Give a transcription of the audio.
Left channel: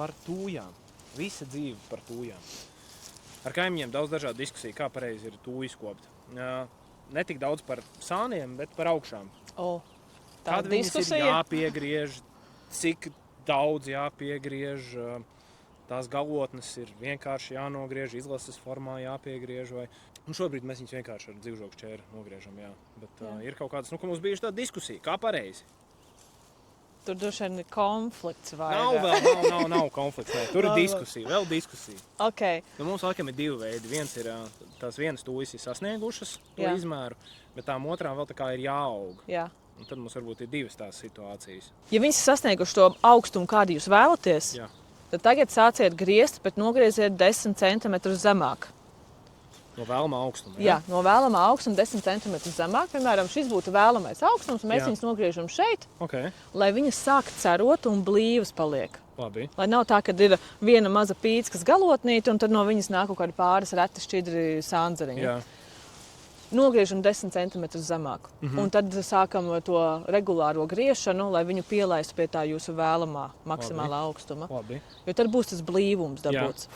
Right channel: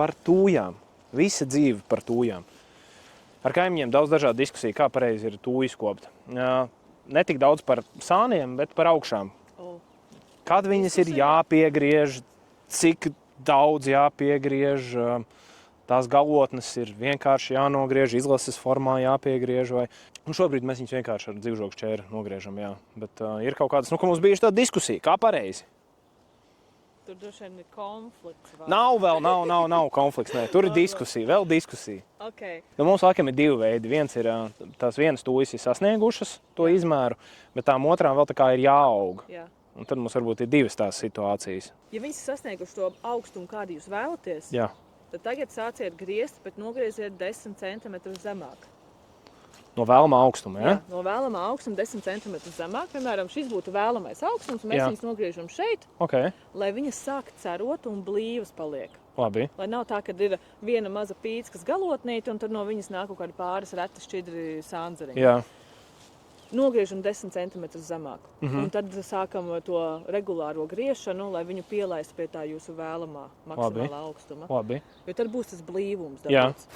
par tūjām. Visa dzīve par tūjām. Ar kaimiņiem daudz dažādu diskusiju, kā pareizi ir tūju skopt. Ne tik daudz par sāniem, bet par augšām. Kad viņas ir jāpiegriež, cik daudz jāpiegriež, tās galotnes ir vienkārši jānogriež, izlases formā jāpiegriež. Šobrīd mēs viņus vienkārši ar dzīvžogu šķēri nogriežam, jā. Bet ir kaut kādas, ka mums bijuši tāda diskusija, kā pareizi. Tur droši vien ir konflikts vai Nav konflikts, nē. Tur ir diskusija, vēl diskusija. Okay. Mums laikam ir divi veidi. Viens ir, tās vienas tūjas ir sasniegušas to izmēru, bet tām otrām vēl tā kā ir jāaug. Jā. Un tad mums varbūt ir divas tās situācijas. Ja viņas ir sasnieguši to augstumu, kādu jūs vēlaties, tad tagad sāciet griezt, bet nogrieziet 10 centimetrus zemāk. No vēlamā augstuma, jā? Jā, no vēlamā augstuma 10 centimetrus zemāk. Piemēram, šis būtu vēlamais augstums, un mēs viņus nogriežam šeit, lai viņas sāk cerot un blīvas paliek. Labi. Lai nav tā, ka ir viena maza pīckas galotnīte, un tad no viņas nāk kaut kādi pāris reti šķidri sāndzeriņi. Jā. Nogriežam 10 centimetrus zemāk. Un tad sākam to regulāro griešanu, lai viņu pielaistu pie tā jūsu vēlamā maksimālā augstuma. Labi. Jo tad būs tas blīvums dabūts.